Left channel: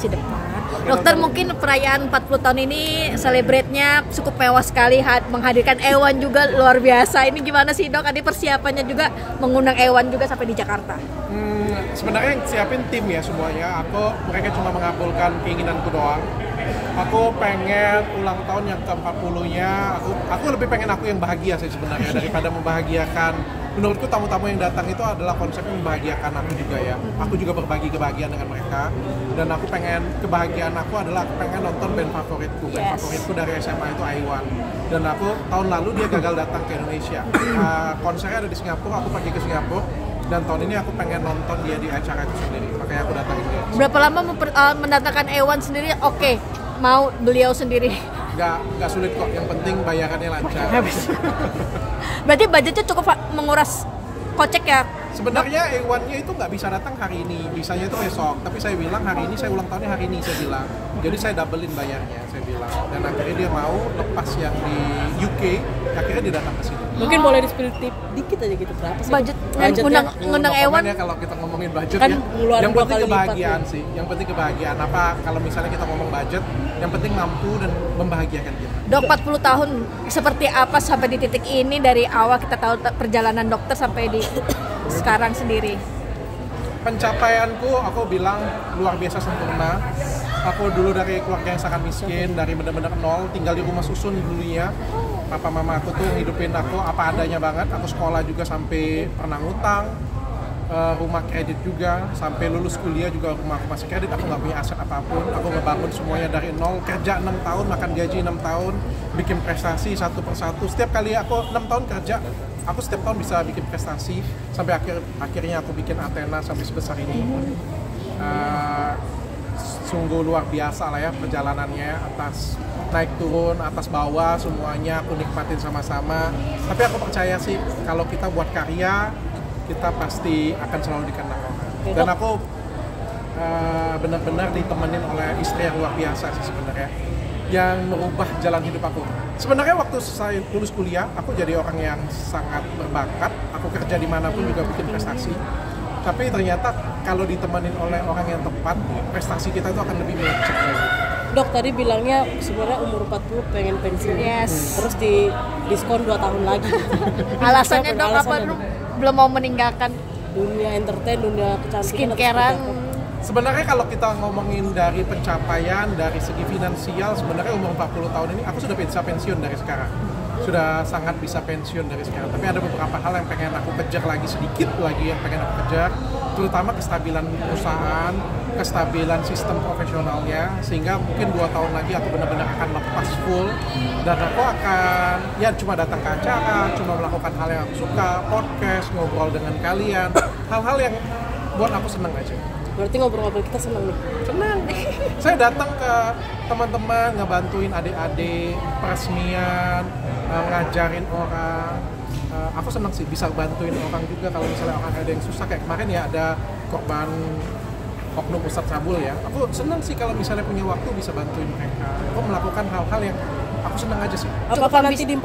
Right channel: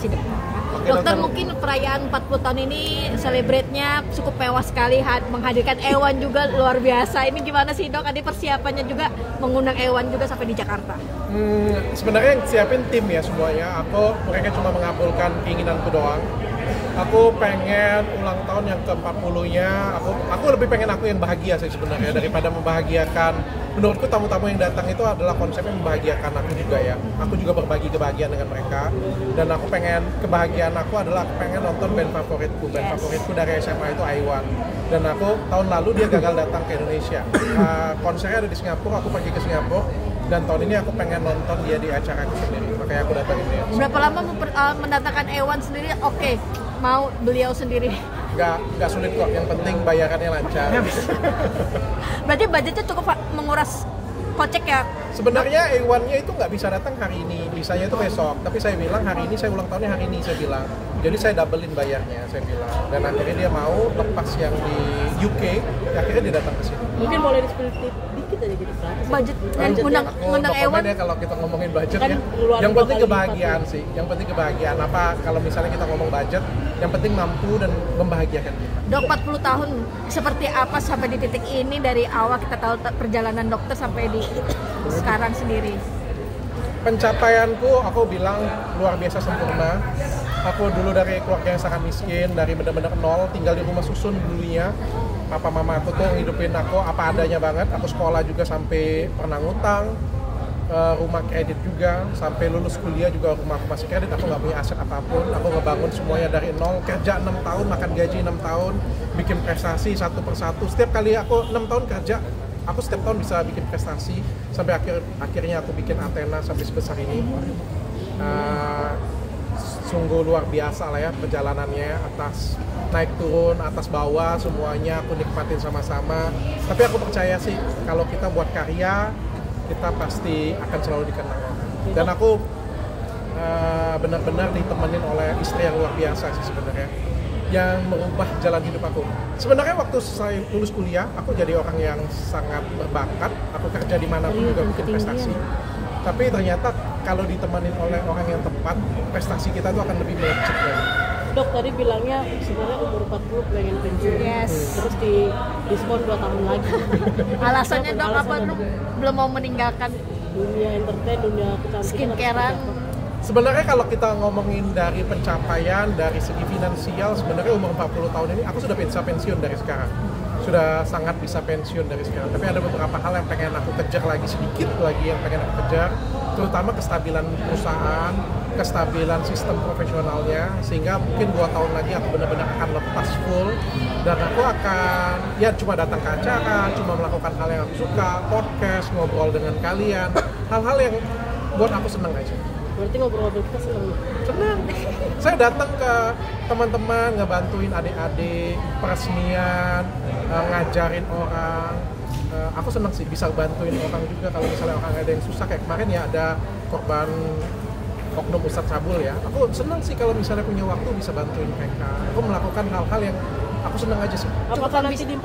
masa depan. Dokter, mungkin perayaan 40 tahun ini celebrate-nya cukup mewah sekali, menghadirkan Ewan juga luar biasa. Ini gimana sih Dok? Ada persiapannya juga mengundang Ewan juga sampai di Jakarta? Sebenarnya yang siapin tim ya semuanya. Mereka cuma mengabulkan keinginanku doang. Aku pengen ulang tahun yang ke-40-nya, aku lebih pengen aku yang bahagia sih sebenarnya daripada membahagiakan. Menurutku tamu-tamu yang datang itu adalah konsepnya membahagiakan aku juga ya. Aku juga berbagi kebahagiaan dengan mereka. Dan aku pengen, kebahagiaan aku adalah aku pengen nonton band favoritku. Band favoritku dari SMA itu Aiwan. Dan aku tahun lalu dia gagal datang ke Indonesia. Konsernya ada di Singapura, aku pergi ke Singapura. Dan tahun ini aku pengen nonton dia di acara aku sendiri. Makanya aku datangin dia. Berapa lama mendatangkan Ewan sendiri? Oke, mau beliau sendiri? Nggak sulit kok, yang penting bayarannya lancar. Berarti budgetnya cukup menguras kocek ya? Sebenarnya Ewannya itu nggak bisa datang hari ini, bisanya itu besok. Tapi saya bilang hari ini, saya ulang tahunnya hari ini, saya bilang. Jadi saya doublein bayarnya, saya bilang. Dan akhirnya dia mau lepas yang di UK, akhirnya dia datang ke sini. Mungkin boleh di-spill dikit aja gitu, berapa sih? Budget ngundang Ewan ya kalau kita ngomongin budget kan ya. Yang penting kebahagiaan sih, yang penting kebahagiaan. Apa kalau misalnya kita ngomong budget, yang penting mampu dan membahagiakan kita. Dok, 40 tahun seperti apa sampai di titik ini, dari awal kita tahu perjalanan dokter sampai di sekarang sendiri? Pencapaianku, aku bilang luar biasa sempurna. Aku dulu dari keluarga yang sangat miskin, dari benar-benar nol, tinggal di rumah susun dulunya. Papa mama aku tuh ngidupin aku apa adanya banget. Aku sekolah juga sampai pernah ngutang, rumah kredit juga, sampai lulus kuliah juga rumah aku masih kredit. Aku nggak punya aset apapun. Aku ngebangun semuanya dari nol, kerja 6 tahun, makan gaji 6 tahun, bikin prestasi satu persatu. Setiap kali aku 6 tahun kerja, aku setiap tahun bisa bikin prestasi sampai akhirnya aku bikin Athena sampai sebesar ini. Sungguh luar biasa lah ya perjalanannya, atas naik turun, atas bawah, semuanya aku nikmatin sama-sama. Tapi aku percaya sih kalau kita buat karya, kita pasti akan selalu dikenang orang. Dan aku benar-benar ditemenin oleh istri yang luar biasa sih sebenarnya, yang merubah jalan hidup aku. Sebenarnya waktu saya lulus kuliah, aku jadi orang yang sangat berbakat. Aku kerja dimanapun juga bikin prestasi. Tapi ternyata kalau ditemenin oleh orang yang tepat, prestasi kita itu akan lebih melecet lagi. Dok, tadi bilangnya sebenarnya umur 40 pengen pensiun. Yes. Terus di diskon 2 tahun lagi. Alasannya Dok apa? Belum mau meninggalkan dunia entertain, dunia kecantikan, skincarean? Sebenarnya kalau kita ngomongin dari pencapaian, dari segi finansial, sebenarnya umur 40 tahun ini aku sudah bisa pensiun dari sekarang. Sudah sangat bisa pensiun dari sekarang. Tapi ada beberapa hal yang pengen aku kejar lagi, sedikit lagi yang pengen aku kejar, terutama kestabilan perusahaan, kestabilan sistem profesionalnya, sehingga mungkin 2 tahun lagi aku benar-benar akan lepas full, dan aku akan ya cuma datang ke acara, cuma melakukan hal yang aku suka, podcast, ngobrol dengan kalian, hal-hal yang buat aku senang aja. Berarti ngobrol-ngobrol kita seneng nih? Senang. Saya datang ke teman-teman, ngebantuin adik-adik, peresmian, ngajarin orang. Aku senang sih bisa bantuin orang juga kalau misalnya orang ada yang susah. Kayak kemarin ya ada korban oknum Ustadz Sabul ya. Aku senang sih kalau misalnya punya waktu bisa bantuin mereka. Aku melakukan hal-hal yang aku senang aja sih. Apakah nanti di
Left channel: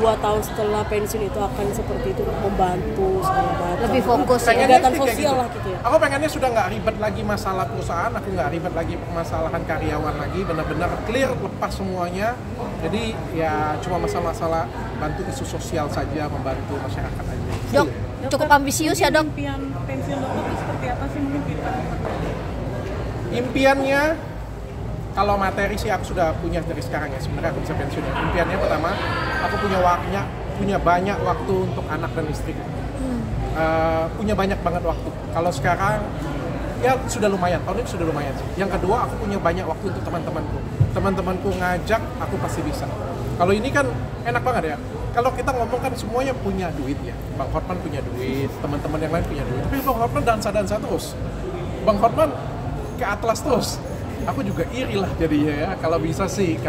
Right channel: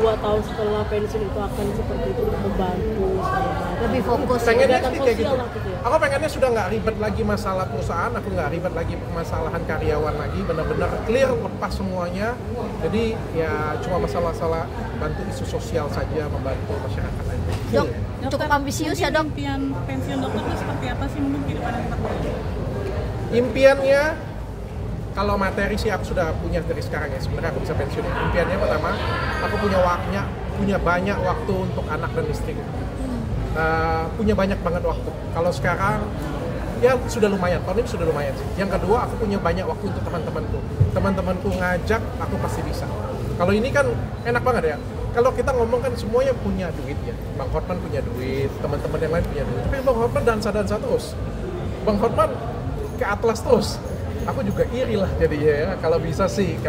2 tahun setelah pensiun itu akan seperti itu, membantu lebih fokus pengennya sih kayak gitu. Aku pengennya sudah nggak ribet lagi masalah perusahaan, aku nggak ribet lagi permasalahan karyawan lagi, benar-benar clear, lepas semuanya. Jadi ya cuma masalah-masalah bantu isu sosial saja, membantu masyarakat aja. Dok, cukup ambisius ya Dok. Impian pensiun dokter itu seperti apa sih mungkin? Impiannya, kalau materi sih aku sudah punya dari sekarang ya, sebenarnya aku bisa pensiun ya. Impiannya pertama, aku punya banyak waktu untuk anak dan istriku. Punya banyak banget waktu. Kalau sekarang ya sudah lumayan, tahun ini sudah lumayan sih. Yang kedua, aku punya banyak waktu untuk teman-temanku ngajak, aku pasti bisa. Kalau ini kan enak banget ya, kalau kita ngomong kan semuanya punya duit ya. Bang Hotman punya duit, teman-teman yang lain punya duit, tapi Bang Hotman dansa-dansa terus, Bang Hotman ke Atlas terus. Aku juga iri lah jadinya ya. Kalau bisa sih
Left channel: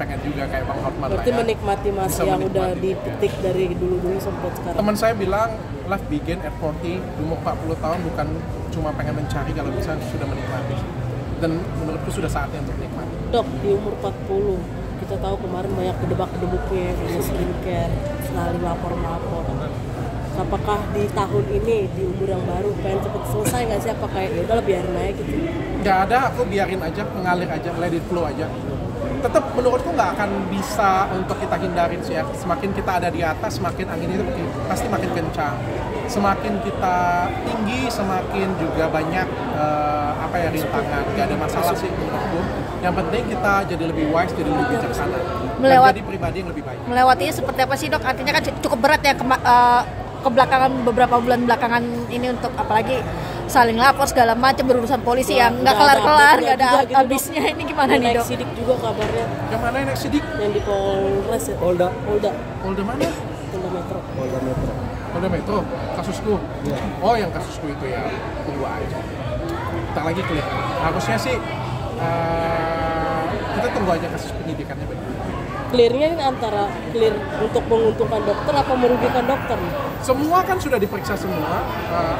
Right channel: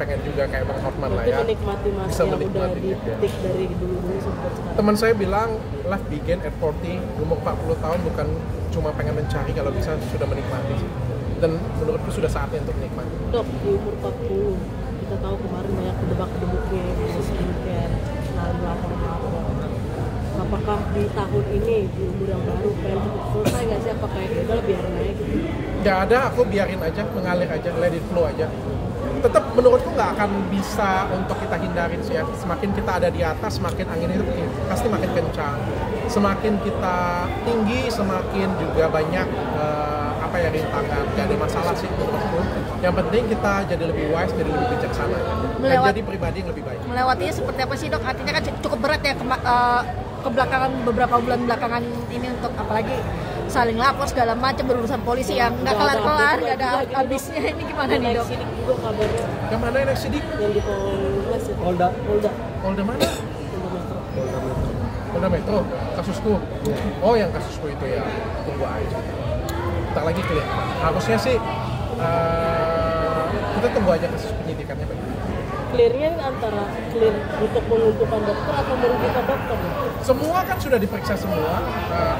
pengen juga kayak Bang Hotman lah ya. Menikmati masa yang udah dipetik dari dulu sampai sekarang. Teman saya bilang life begin at 40, umur 40 tahun bukan cuma pengen mencari, kalau bisa sudah menikmati. Dan menurutku sudah saatnya untuk menikmati. Dok, di umur 40, kita tahu kemarin banyak kedebak-kedebuknya di skincare, selalu lapor. Apakah di tahun ini, di umur yang baru, pengen cepet selesai nggak sih? Apa kayak udah biarin aja gitu? Nggak ada, aku biarin aja, mengalir aja, let it flow aja. Tetap menurutku nggak akan bisa untuk kita hindarin sih ya. Semakin kita ada di atas, semakin angin itu pasti makin kencang. Semakin kita tinggi, semakin juga banyak rintangan. Nggak ada masalah sih menurutku. Yang penting kita jadi lebih wise, jadi lebih bijaksana, dan jadi pribadi yang lebih baik. Melewatinya seperti apa sih, Dok? Artinya kan cukup berat ya ke belakangan, beberapa bulan belakangan ini, untuk apalagi saling lapor segala macam, berurusan polisi yang nggak kelar-kelar, nggak ada habisnya. Ini gimana nih, Dok? Sidik juga kabarnya. Yang mana yang naik sidik? Yang di Polres ya. Polda. Polda mana? Polda Metro. Kasusku. Oh, yang kasusku itu ya. Tunggu aja. Ntar lagi kelihatan. Harusnya sih kita tunggu aja kasus penyidikannya bagaimana. Clearnya ini antara clear untuk menguntungkan dokter atau merugikan dokter? Semua kan sudah diperiksa semua.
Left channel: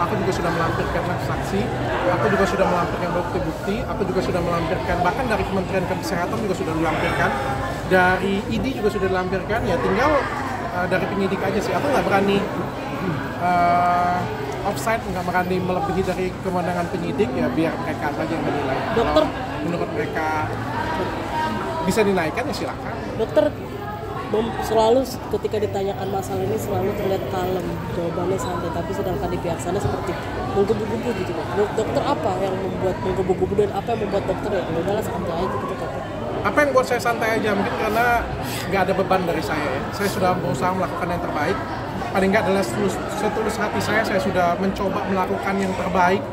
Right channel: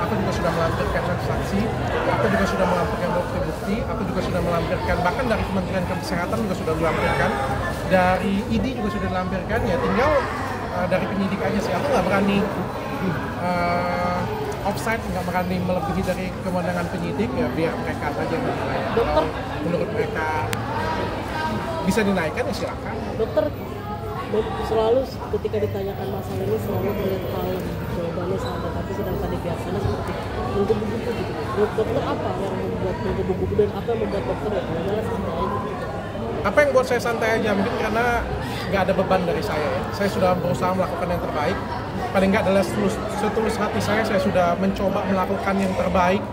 Aku juga sudah melampirkan saksi, aku juga sudah melampirkan bukti-bukti, aku juga sudah melampirkan, bahkan dari Kementerian Kesehatan juga sudah dilampirkan, dari ID juga sudah dilampirkan. Ya tinggal dari penyidik aja sih. Aku nggak berani offside, nggak berani melebihi dari kewenangan penyidik. Ya biar mereka saja yang menilai. Kalau menurut mereka bisa dinaikkan ya silakan. Dokter selalu ketika ditanyakan masalah ini selalu terlihat kalem, jawabannya santai, tapi sedangkan di pihak sana seperti menggebu-gebu gitu. Dokter apa yang membuat menggebu-gebu dan apa yang membuat dokter benar-benar santai aja gitu? Apa yang buat saya santai aja? Mungkin karena nggak ada beban dari saya ya. Saya sudah berusaha melakukan yang terbaik. Paling nggak adalah setulus hati saya sudah mencoba melakukan yang terbaik.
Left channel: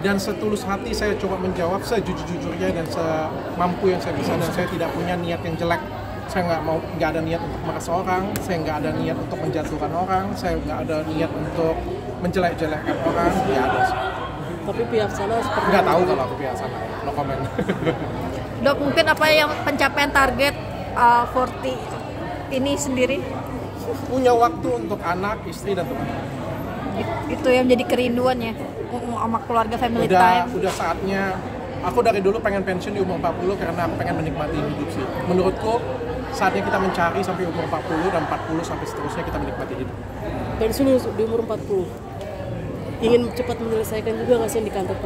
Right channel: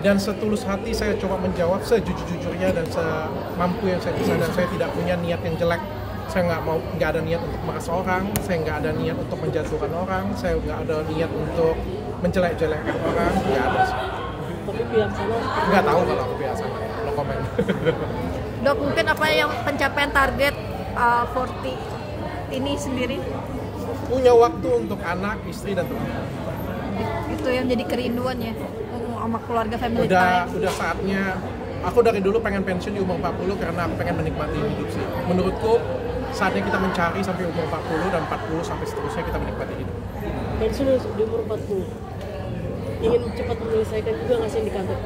Dan setulus hati saya coba menjawab sejujur-jujurnya dan semampu yang saya bisa, dan saya tidak punya niat yang jelek. Saya nggak ada niat untuk meres orang, saya nggak ada niat untuk menjatuhkan orang, saya nggak ada niat untuk menjelek-jelekkan orang, nggak ada sih. Tapi pihak sana nggak tahu kalau aku pihak sana, no comment. Dok, mungkin apa yang pencapaian target 40 ini sendiri? Punya waktu untuk anak, istri, dan teman. Itu yang jadi kerinduan ya, sama keluarga, family time. Udah saatnya. Aku dari dulu pengen pensiun di umur 40 karena aku pengen menikmati hidup sih. Menurutku saatnya kita mencari sampai umur 40 dan 40 sampai seterusnya kita menikmati hidup. Pensiun di umur 40. Ingin cepat menyelesaikan juga nggak sih di kantor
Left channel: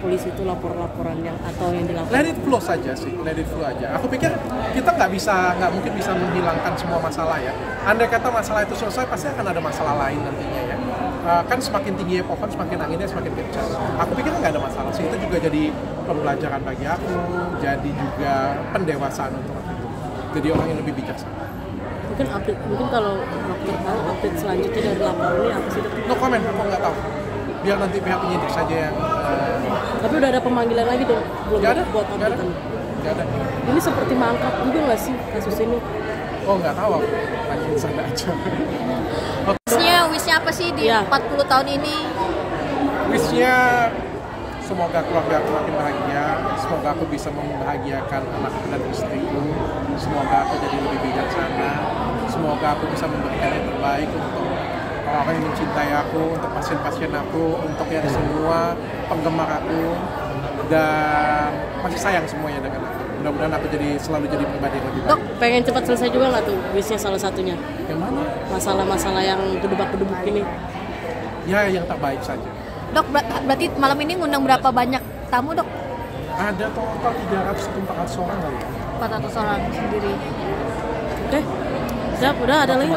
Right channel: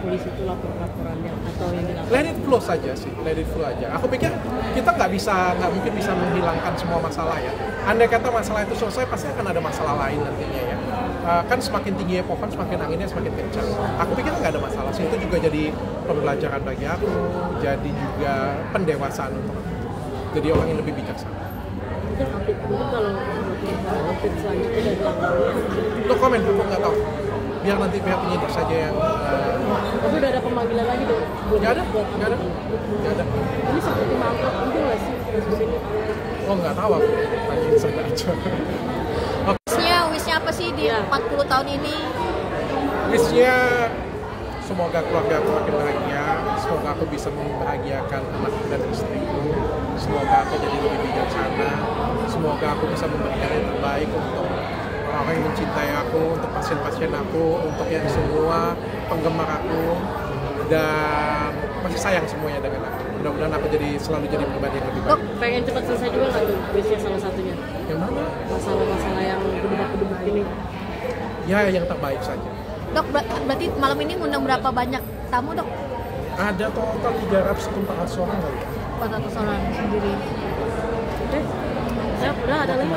polisi itu laporannya atau yang dilakukan? Let it flow saja sih, let it flow aja. Aku pikir kita nggak mungkin bisa menghilangkan semua masalah ya. Andai kata masalah itu selesai, pasti akan ada masalah lain nantinya ya. Kan semakin tinggi pohon, semakin anginnya semakin kencang. Aku pikir nggak ada masalah sih, itu juga jadi pembelajaran bagi aku, jadi juga pendewasaan untuk aku. Jadi orang yang lebih bijaksana. Mungkin kalau update selanjutnya dari laporannya. No comment, aku nggak tahu. Biar nanti pihak penyidik saja yang. Tapi udah ada pemanggilan lagi dong? Nggak ada. Ini seperti mangkrak juga nggak sih kasus ini? Oh nggak tahu, aku tanyain sana aja. Wishnya apa sih di 40 tahun ini? Wishnya semoga keluarga aku makin bahagia, semoga aku bisa membahagiakan anakku dan istriku, semoga aku jadi lebih bijaksana, semoga aku bisa memberikan yang terbaik untuk orang yang mencintai aku, untuk pasien-pasien aku, untuk yang semua penggemar aku, dan masih sayang semuanya dengan aku. Mudah-mudahan aku selalu jadi pribadi yang lebih baik. Dok, pengen cepat selesai juga nggak tuh wishnya salah satunya? Yang mana? Masalah-masalah yang gedebak-gedebuk ini. Ya, yang terbaik saja. Dok, berarti malam ini ngundang berapa banyak tamu, Dok? Ada total 300 atau 400 orang kali ya? 400 orang sendiri. Oke, siap, udah ada lagi.